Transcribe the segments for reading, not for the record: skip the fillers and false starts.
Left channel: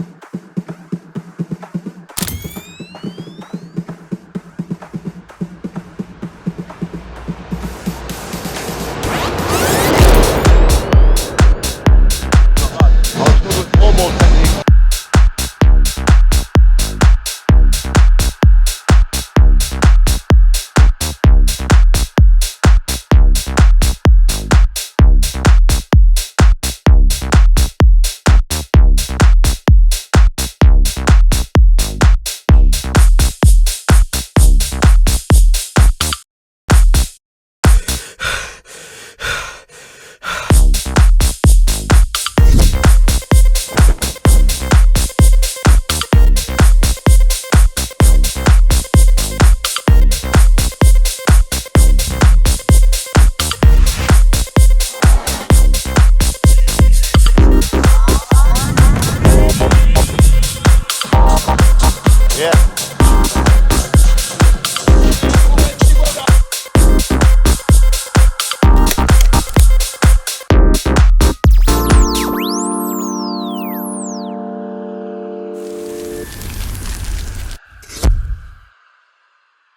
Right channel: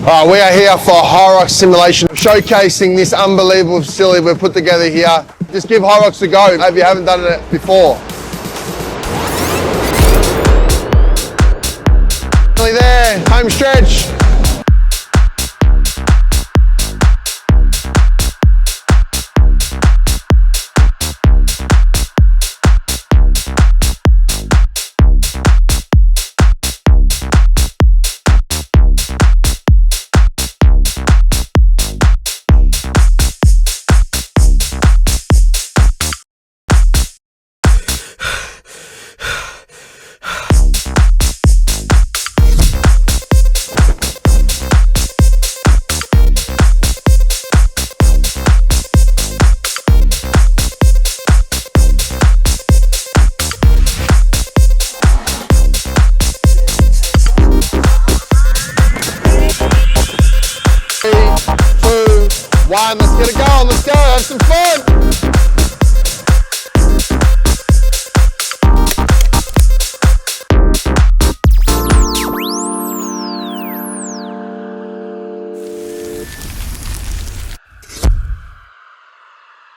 All right, we are here for a HYROX simulation, showcasing this unbelievable facility we've put together here. Just give HYROX a go if you haven't done it before. Nearly there, home stretch. One, let's get it going, let's go, have some fun.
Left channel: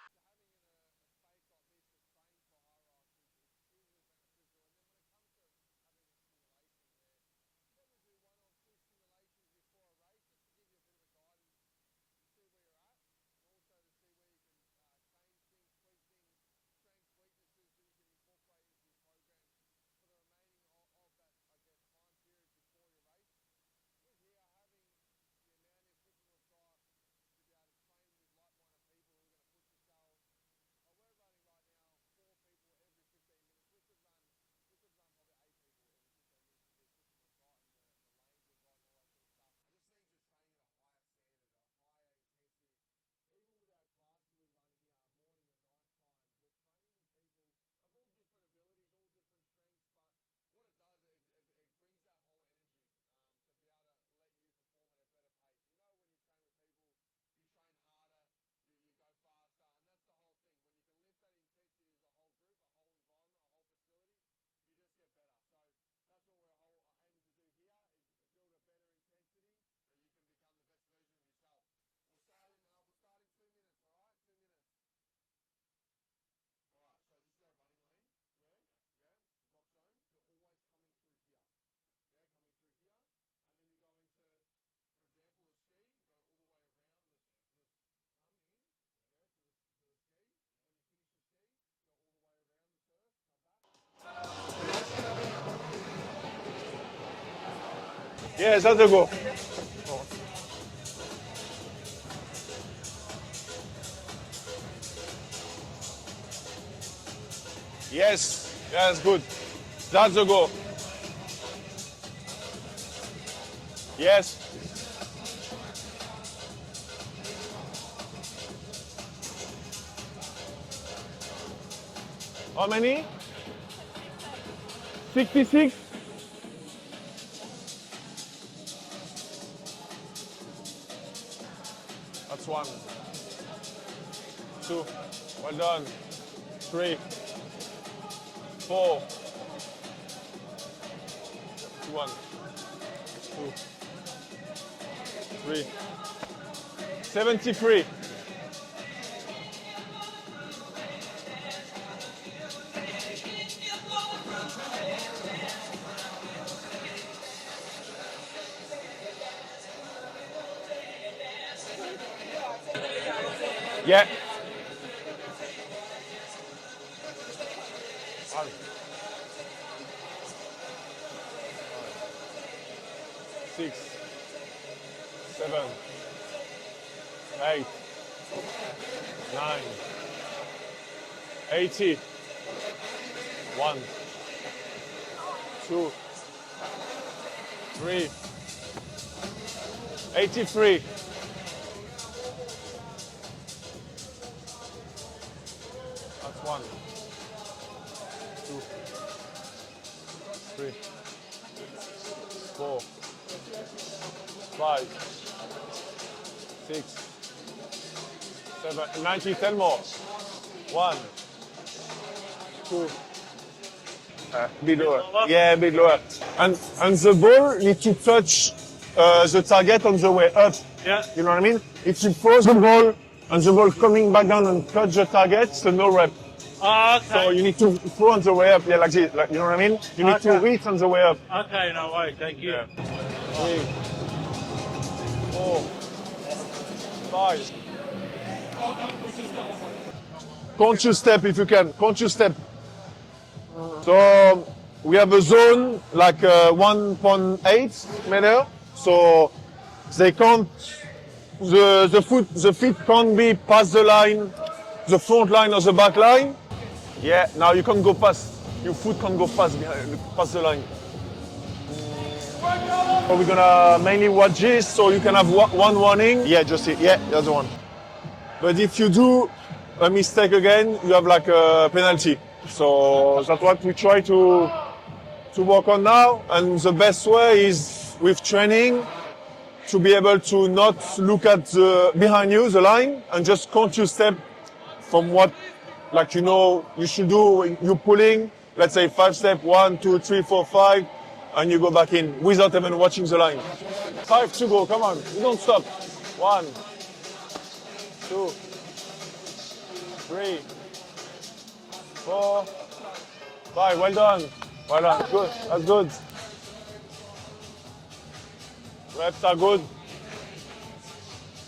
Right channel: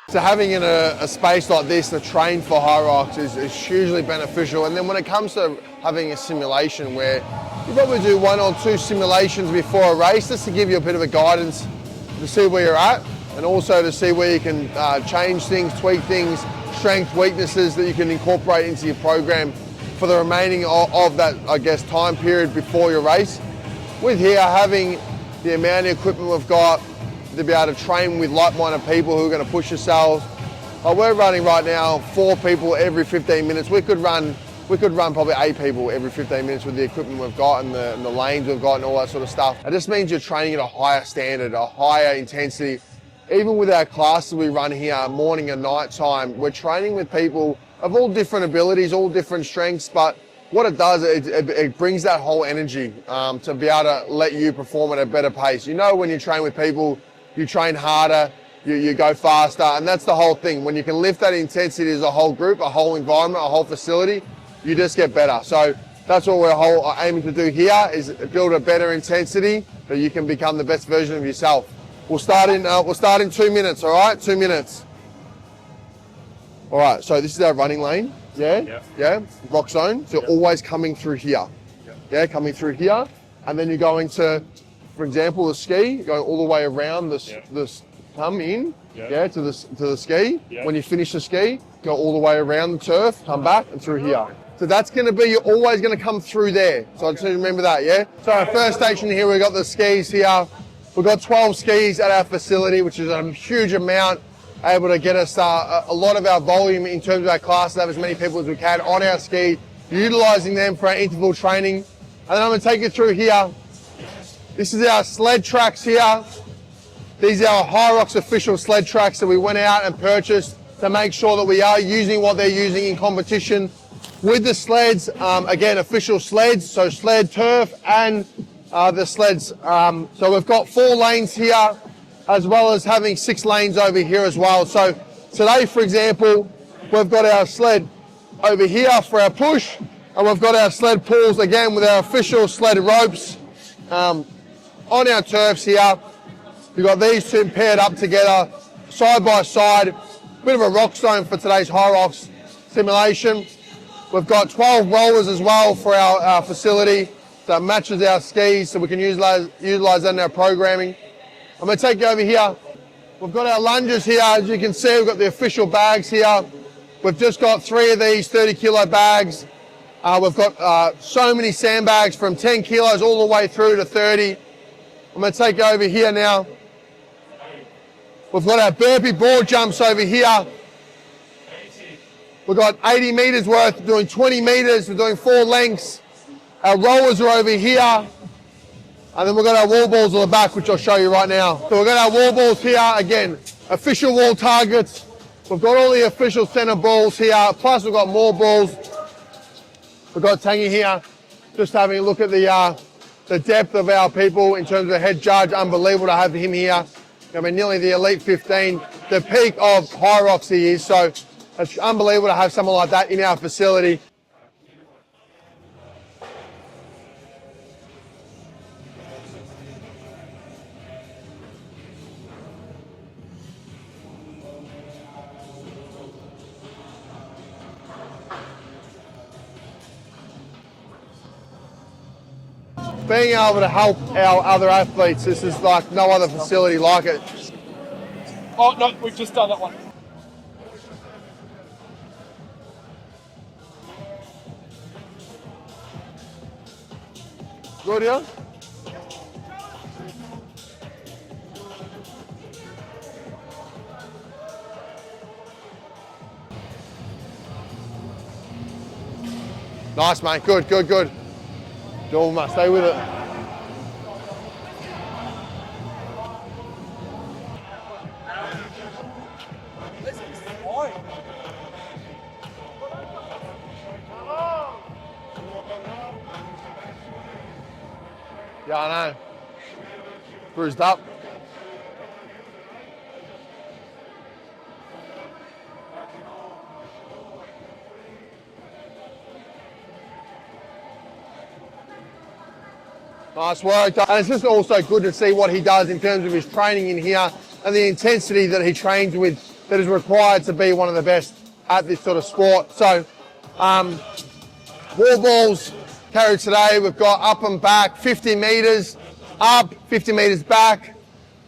So having a space like this to train for HYROX is hugely beneficial. And then when it comes to having a simulation where you probably do 1 or 2 simulations before a race, just to give you a bit of a guidance to see where you're at, and also to see where you can change things, tweak things, strengths, weaknesses that you can incorporate into your program for the remaining of that, I guess, time period before your race. With here, having the amount of equipment we've got to be able to train with like-minded people who are going to push yourselves. We're running right now 4 people every 15 minutes. We could run probably 8 people every 15 minutes with the equipment we've got and the lanes we've got and all that sort of stuff. It just means you're training at a higher standard, a higher intensity. Even with our classes we run here, morning and night time, we're training with people of all different abilities, all different strengths, but what it does, it brings that whole energy to be able to let you perform at a better pace. You know, when you train with people, you train harder, you go faster, and that's the whole thing. When you can lift that intensity as a whole group, a whole environment, a whole facility, you just get better. So that's what we're aiming to do here, is build a better intensity that you can become the best version of yourself. We'll start in 2 minutes, all right? 2 minutes. All right, so this is our running lane, yeah? Rock zone, so always coming through here. Yeah, coming through here, and then you're going to, for example, the ski, going all the way around this come in, to the ski. When you finish the ski, go all the way around the turf, come back and through here. So that's going to be, you're always going to come through there. So I just remember that, yeah? So our first station here, we've got the skis here. We've got 12 skis at our facility, which is a huge amount, able to get us a lot of our volume in terms of our class, have as many people as we can on our ski, utilising them for our interval training. And then I'm going to take you through here. Yes. This is our sled tracks here. These are our HYROX official sled tracks that we went out and purchased to make sure that we are using what they're using in competition. With the sleds, again, official sleds, so sled, turf, and the sleds. So we've got 4 lanes here, as well as having 6 lanes over here as well. So today, for example, we've got our sled over here for our push, and we've got our sled pulls, again, with our official sled ropes on our turfs here. We've got these 2 paired up together, side by side. Bit of a rock stone for today's HYROX simulation. We've got 12 rollers as well for our facility that matches our skis, so we can utilize that in our programming. I'm going to take you over here. We've got our lunges here. As you can see, we've got the official bags here. We've just got 3 of these 30-kilo bags. We've got so many sandbags from 10 kilos all the way through to 30. I'm going to take you over here now. We've got our Burpee Broad Jumps over here. 80. We've got 80 meters worth, doing 20 meters, we're doing 4 lengths. Our rollers are over here. And then we've got our wall balls on the back, which I'll show you right now. So we've got our wall balls here, again, official wall targets. We've got all the official center balls here, plus we've got more balls. We've got Tangy here, just having a look at the depth of our people in terms of the head judge. Unbelievable to have him here. I mean, nearly the elite 15, the peak of HYROX he is. So it's unbelievable to have someone like that in our facility. Bit lower. Yeah, a bit lower. And the ball need to touch the target on the way up. Yeah. You know what I mean? If you throw the ball and the ball coming back down and touch the target, it's a no rep. Oh, okay. So you need to throw on the way up, yeah, like this. Like, you know what I mean? You need to reach on the way up. Okay, no way, thank you. Being able to help our other athletes, this is like no other facility like it. Oh, no, we've just done that one. Conscious step if you can. Conscious step. So we have a zone like 1.8 meter. So they can't. The feet can't be past the line, the front line or the back line. Yeah. Now you can't go past. Your foot can't go past. Nice, past mate. Good. Stay with it. So we're gonna mainly watch this, so you can have one warning. Yeah, just it. Yeah, that's the one. But if you do a mistake again, you have like a penalty. So that's what we try to work on now. And the best way is with training to be able to not look at the behind you, the line, and just count your step from what, like, you know, you should do when you're pulling. Let's say 5 step, 1, 2, 3, 4, 5. And you go back in without even watching the line. Nice work. And it's just also good to see what he does in terms of his training in here and the intensity that he trains with that is required to be one of the best at this sort of sport. So, Well done. 4 balls carried today. We've got up and back, 50 metres, up, 50 metres back.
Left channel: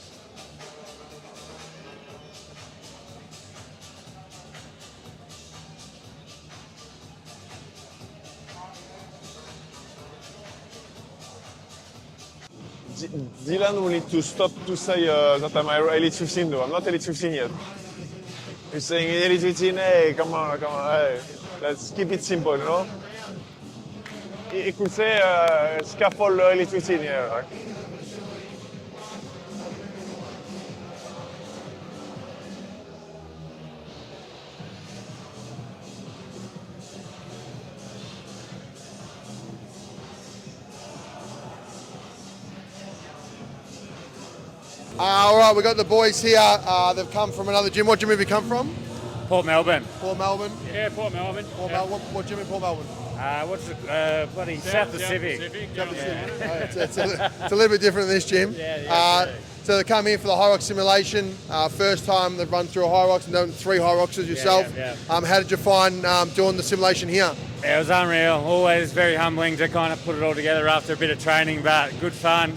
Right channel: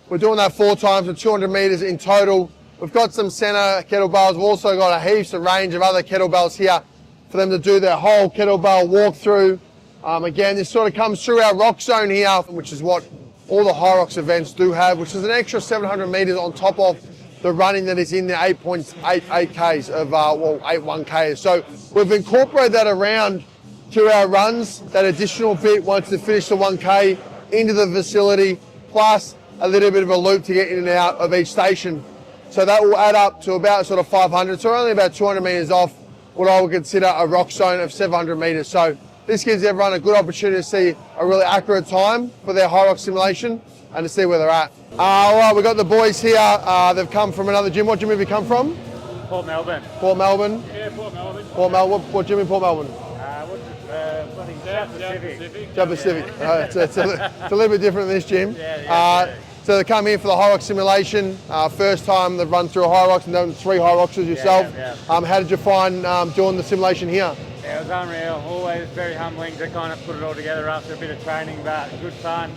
We're doing that 4 times for 200 metres in total. We've got some centre kettlebells. We've also got a heaps of range of other kettlebells here for them to do their whole kettlebell walkthrough. Again, this sort of comes through our rock zone here, which is what all the HYROX events do have, which is an extra 700 metres on top of the running that is in the 8.88 Ks of or 81 Ks. So we've incorporated that around to our runs, that additional bit once they finish the 1K into the facility, plus a little bit of a loop to get in and out of each station. So that will add up to about sort of 500, so only about 200 metres off what I would consider a rock zone of 700 metres. So this gives everyone a good opportunity to see a really accurate time for their HYROX simulation and to see where they're at. All right, we've got the boys here. They've come from another gym. What gym have you come from? Port Melbourne. Port Melbourne? Yeah, Port Melbourne. Port Melbourne. What gym in Port Melbourne? What's it? Bloody South Pacific. South Pacific. It's a little bit different than this gym. Yeah. So they come here for the HYROX simulation. First time they've run through a HYROX and done 3 HYROXes yourself. Yeah. How did you find doing the simulation here? Yeah, it was unreal. Always very humbling to kind of put it all together after a bit of training, but good fun.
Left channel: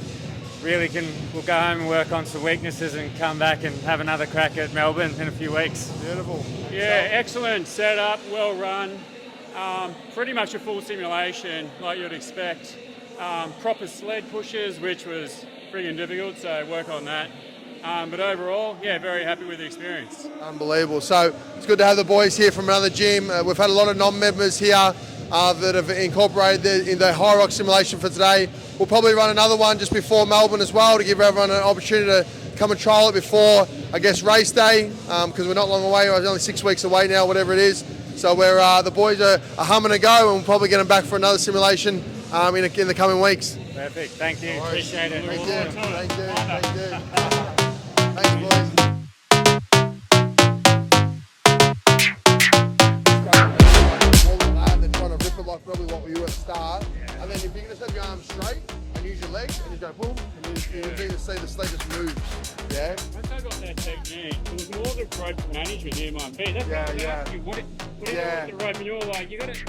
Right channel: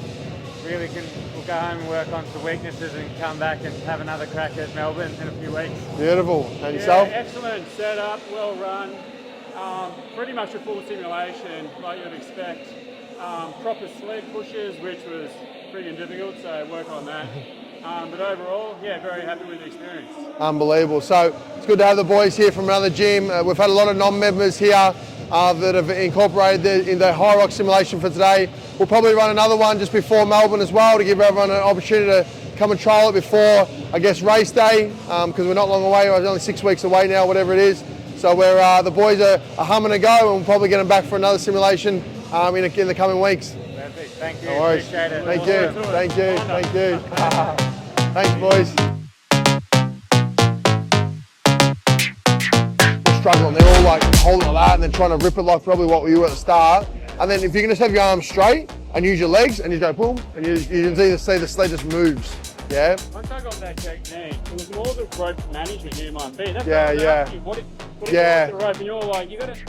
Really we'll go home and work on some weaknesses and come back and have another crack at Melbourne in a few weeks. Beautiful. And Yeah, yourself? excellent setup, well run. Pretty much a full simulation like you'd expect. Proper sled pushes, which was pretty difficult, so work on that. But overall, yeah, very happy with the experience. Unbelievable. So it's good to have the boys here from another gym. We've had a lot of non-members here that have incorporated in the HYROX simulation for today. We'll probably run another one just before Melbourne as well to give everyone an opportunity to come and trial it before, I guess, race day, because we're not long away. We're only 6 weeks away now, whatever it is. So we're the boys are humming a go, and we'll probably get them back for another simulation in the coming weeks. Perfect. Thank you. No worries. Appreciate it. Thank you. Thanks, boys. Struggling, they're all like holding that and then trying to rip it like probably what we were at the start. And then if you can just have your arms straight and use your legs and you go boom, and you just either see the sled just moves. Yeah. Once I got that technique, it was more the rope management near my feet. That's Yeah, why I was yeah. asking, what do you Yeah. do with the rope? And you're like, you got to,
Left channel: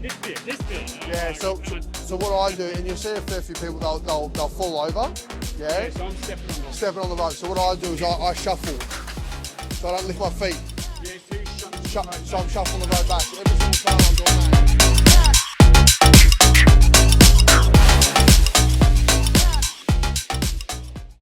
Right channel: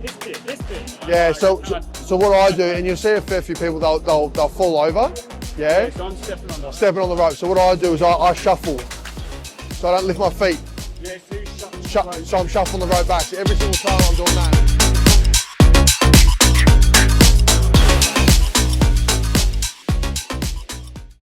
this bit. And I'm Yeah, like, so what I do, and you'll see a fair few people, they'll fall over, yeah, so I'm stepping on the rope. So what I do is I shuffle, so I don't lift my feet. Yeah, so you shut So I'm shuffling the rope back. So every single time I'm doing that.